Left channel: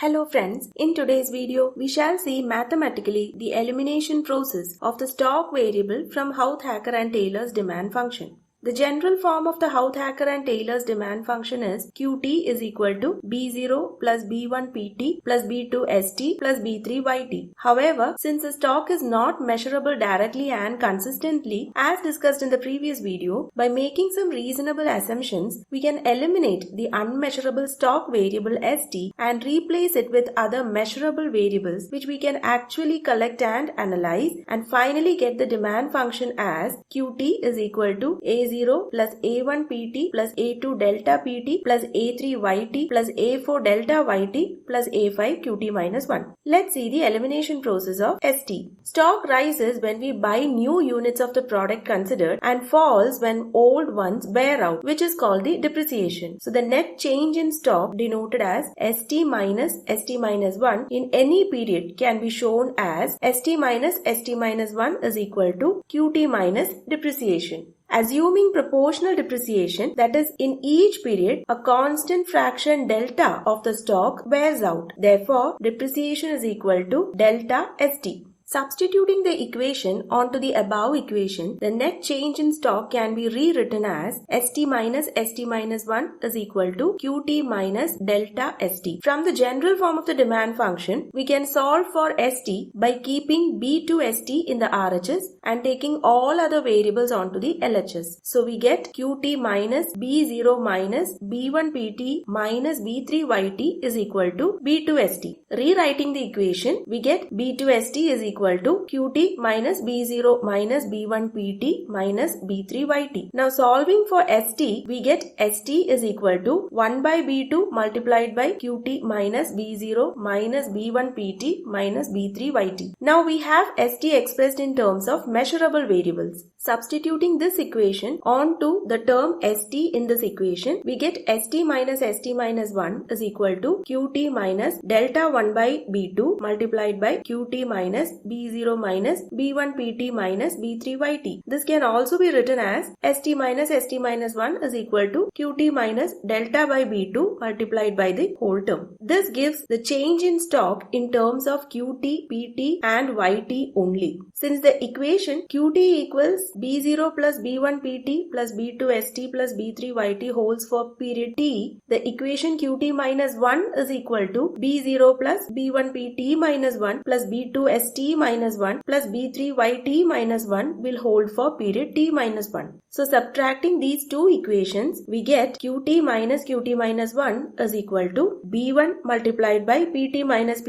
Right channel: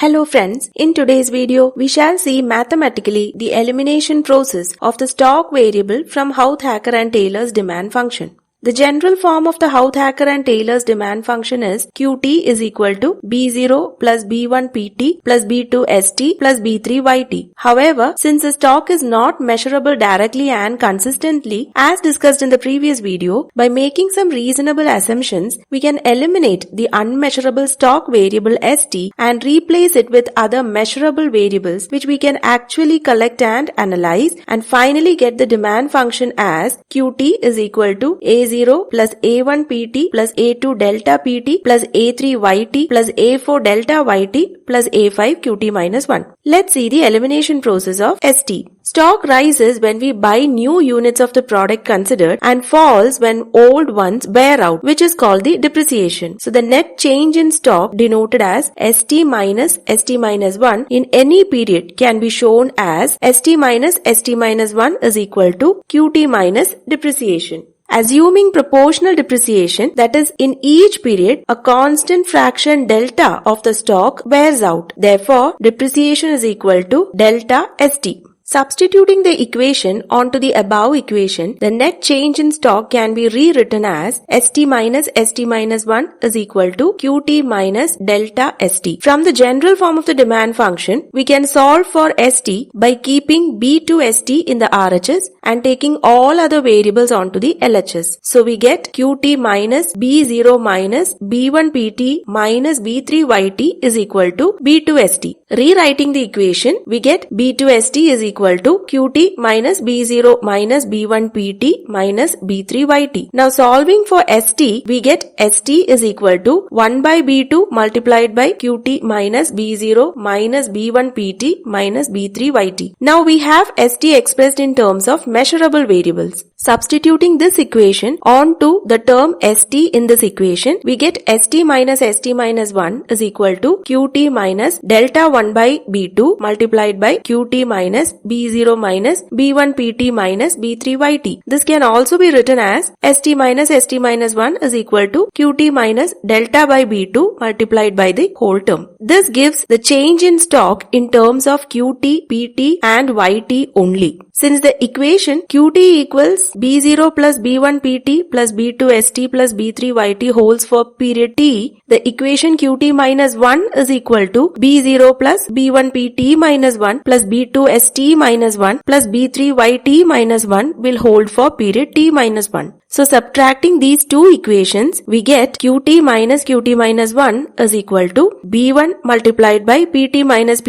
Hello friends, in today's video we shall see mathematically the elimination process of the stock variable from Houthakker and Taylor's demand function. The general form of the Houthakker and Taylor's demand function is Qt is equal to B0 plus B1 Pt plus B2 St plus B3 Yt. However, since the stock is not measurable directly and consistently, as discussed in the previous video, by making some reasonable assumptions, we can eliminate the unmeasurable stock variable St and replace it with other measurable variables which we can actually collect and analyze, and finally get the demand function as Qt is equal to A0 plus A1 Pt plus A2 delta Pt plus A3 Yt plus A4 delta Yt plus A5 Qt minus 1. Let's see the elimination process of St. Stock rises when we buy new units of the product considered and falls when old ones wear out, which is called the depreciation. So the net change in stock denoted as St minus 1 in any period can be shown as St minus 1 is equal to Qt minus depreciation. Assuming proportional depreciation, that is, in each period, a constant fraction delta of the stock wears out. Therefore, depreciation is equal to delta St. Substituting the equation onto the above equation, the net change in stock can be rewritten as St minus 1 is equal to Qt minus delta St. From the general form of the demand function, we can solve for St by keeping B2 St in the RHS and taking all other variables onto the LHS. So we get Qt minus B0 minus B1 Pt minus B3 Yt is equal to B2 St. Rewriting the equation, we get B2 St is equal to Qt minus B0 minus B1 Pt minus B3 Yt. Now solving for St, we get St is equal to 1 by B2 multiplied by Qt minus B0 minus B1 Pt minus B3 Yt. Now we have St expressed in terms of measurable variables. Substituting this equation onto the term St in this equation, we get St minus 1 is equal to Qt minus delta 1 by B2 multiplied by Qt minus B0 minus B1 Pt minus B3 Yt. This can also be written as St minus 1 is equal to Qt minus delta by B2 multiplied by the whole term. This gives the change in stock in terms of Qt, Pt and Yt only. Since the equation Qt equals B0 plus B1 Pt plus B2 St plus B3 Yt holds for period T, the equation Qt minus 1 is equal to B0 plus B1 Pt minus 1 plus B2 St minus 1 plus B3 Yt minus 1 will hold for period T minus 1. So subtracting these two equations, we get Qt minus 1 is equal to B1 multiplied by Pt minus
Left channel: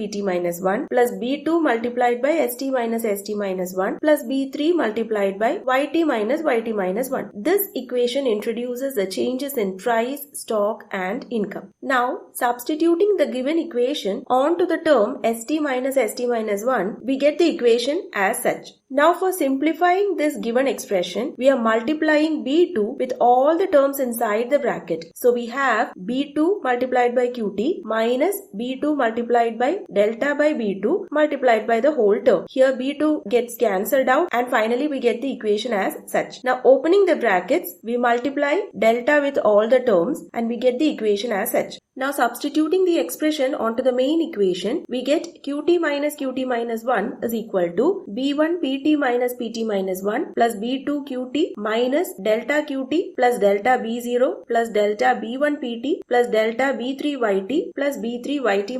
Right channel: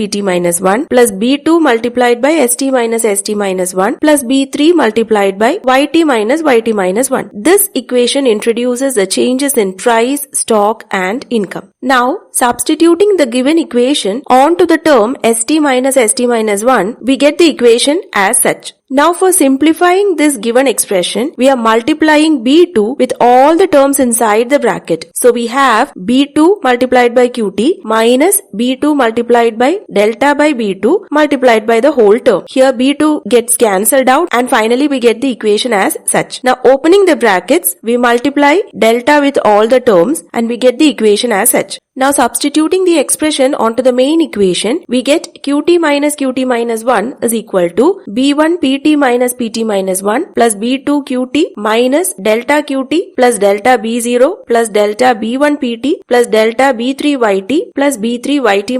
1 plus B2 multiplied by St minus 1 plus B3 multiplied by Yt minus 1. This equation introduces the changes in price, stock and income. Now substituting the given equation onto the term St minus 1, we get the equation as such. Now for simplifying this given expression, we are multiplying B2 with all the terms inside the bracket. So we have B2 multiplied by Qt minus B2 multiplied by delta by B2 multiplied by the whole term. Here B2 gets cancelled out and finally we get the equation as such. Now opening the brackets, we multiply delta with all the terms and we get the equation as such. Now substituting the expression onto the main equation, we get Qt minus 1 is equal to B1 Pt minus 1 plus B2 Qt minus delta Qt plus delta B0 plus delta B1 Pt plus delta B3 Yt plus B3 Yt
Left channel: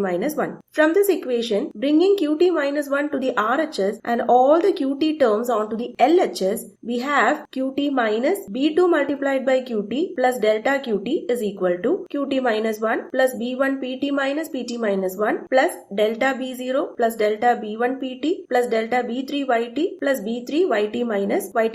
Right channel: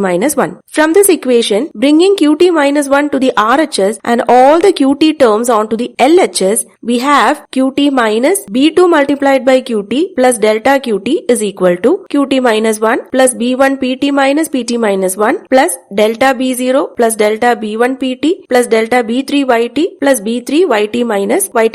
minus 1. From this equation, bringing Qt minus 1 to the RHS and all the Qt terms onto the LHS, we have Qt minus B2 multiplied by Qt plus delta Qt is equal to Qt minus 1 plus B1 Pt minus 1 plus delta B0 plus delta B1 Pt plus delta B3 Yt plus B3 Yt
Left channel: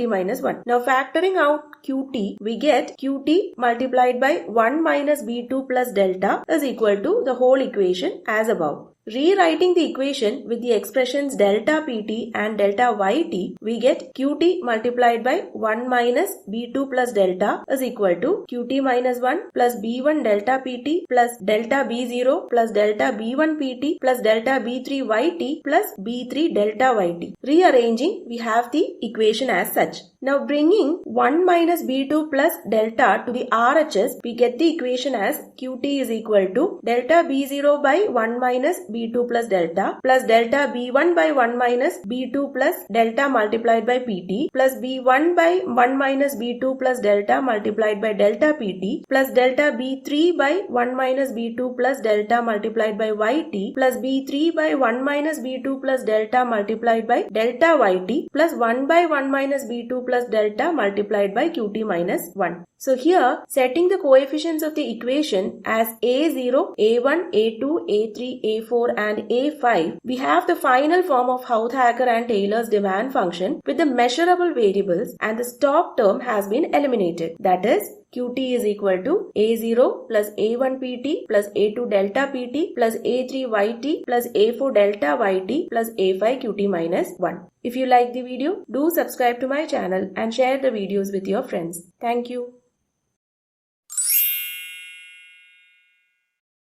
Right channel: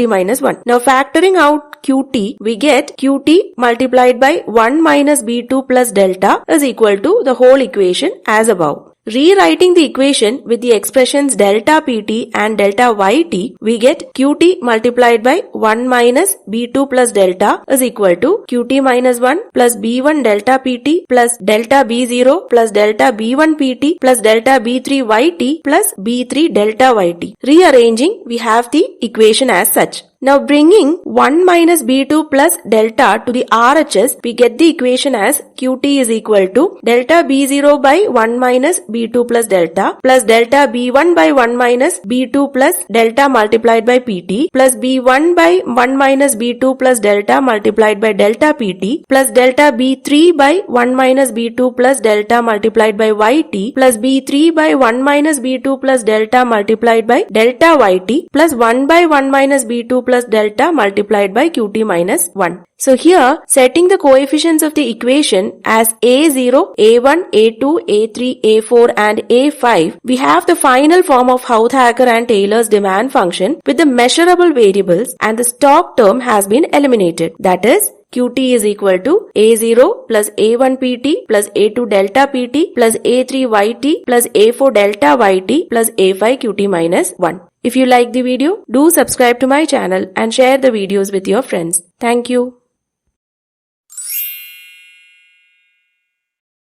minus 1. Now factoring out Qt, we get Qt multiplied by 1 minus B2 plus delta is equal to the whole equation as above. Rewriting the equation with the expressions delta Pt and delta Yt, we get Qt multiplied by 1 minus B2 plus delta is equal to Qt minus 1 plus B1 delta Pt plus delta B0 plus delta B1 Pt plus delta B3 Yt plus B3 delta Yt. Rearranging, we have the equation as such. Now bringing 1 minus B2 plus delta to the RHS, we get the equation as Qt is equal to delta B0 by 1 minus B2 plus delta B1 by 1 minus B2 plus delta multiplied by PT plus B1 by 1 minus B2 plus delta multiplied by delta PT plus delta B3 by 1 minus B2 plus delta multiplied by YT plus B3 by 1 minus B2 plus delta multiplied by delta YT plus 1 by 1 minus B2 plus delta multiplied by Qt minus 1. So here, setting the coefficients of the equation as A0, A1, A2, A3, A4 and A5, we have the final form of Houthakker and Taylor's demand function with the measurable variables, and the stock term has been eliminated. That is, Qt is equal to A0 plus A1 Pt plus A2 delta Pt plus A3 Yt plus A4 delta Yt plus A5 Qt minus 1. If you like the video, do subscribe to my channel and share the videos with your friends. Thank you.